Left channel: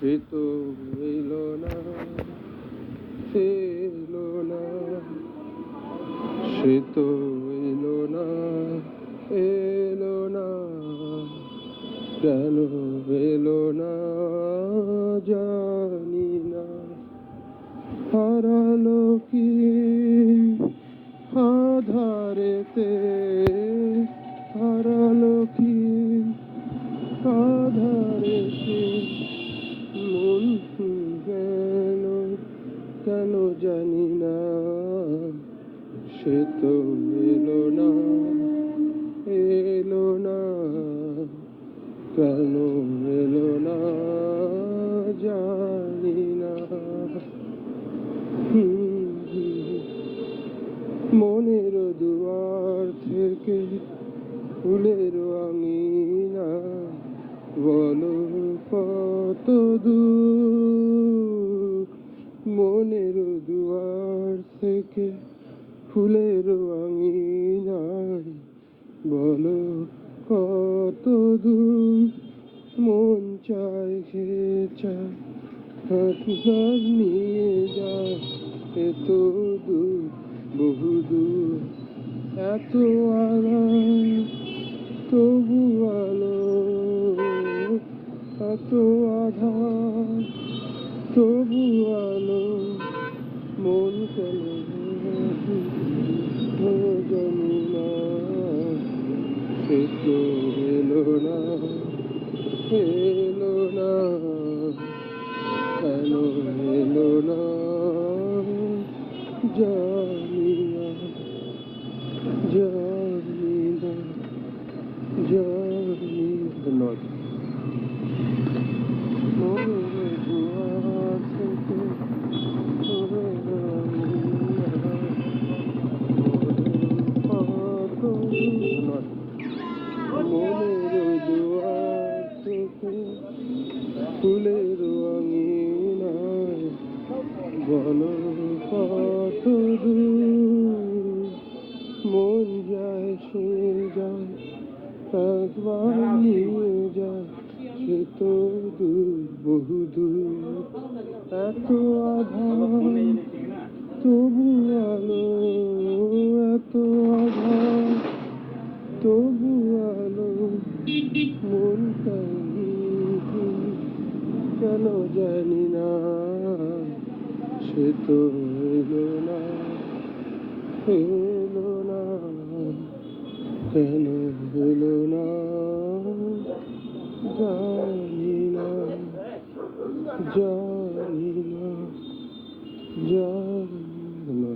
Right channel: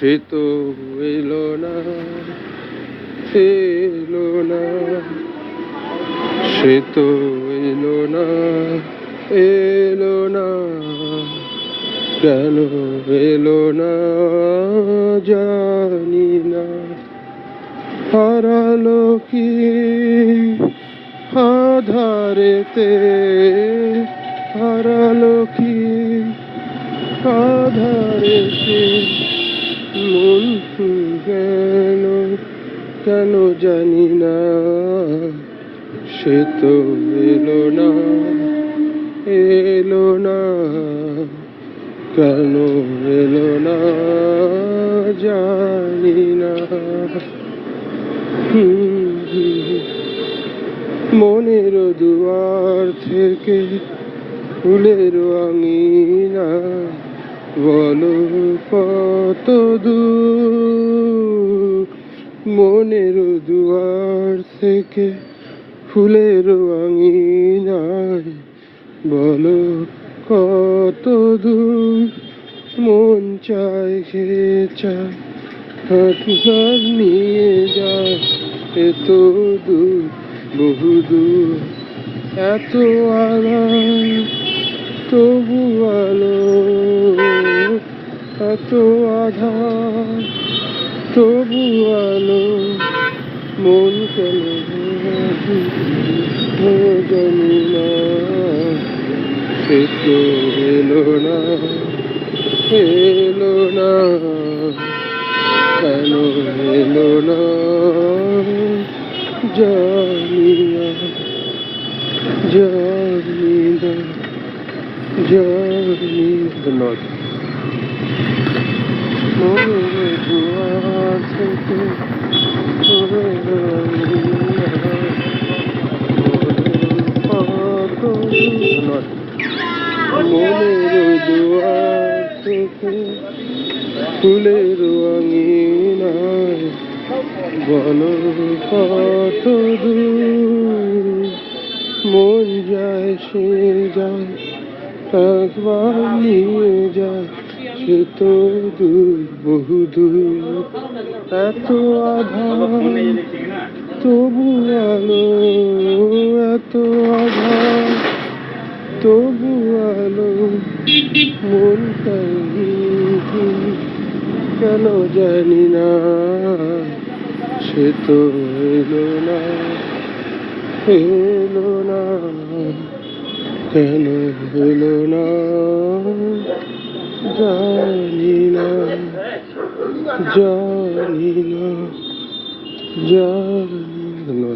সে তো এলো না, এলো না, সে তো এলো না, এলো না, কেন এলো না জানি না। হারালো কি আধারেতে, হারালো কি আধারেতে, মন গেল কেন জানি না। সে তো এলো না, এলো না, কেন এলো না জানি না। মনের দুয়ার থেকে ফুলের আঙিনা, বলো কত দূর। মনের দুয়ার থেকে ফুলের আঙিনায়, বলো কত দূর। মন চায় সে চায়, হাত নিয়ে যায় এত দূর, বহু দূর। এত আলো তবু আলো, এত আধার তবু আলো। মন কেন জানি না। সে তো এলো না, এলো না, কেন এলো না জানি না, জানি না, জানি না। মনের দুয়ার থেকে ফুলের আঙিনা, কত দূর। মনের দুয়ার থেকে ফুলের আঙিনায়, বলো কত দূর। মন যায় সে যায়, একবার নিয়ে যায় সে তো দূর, বহু দূর। এত আধার তবু আলো, এত আধার তবু আলো। মন কেন জানি না। সে তো এলো না, এলো না, কেন এলো না জানি না, জানি না, জানি না।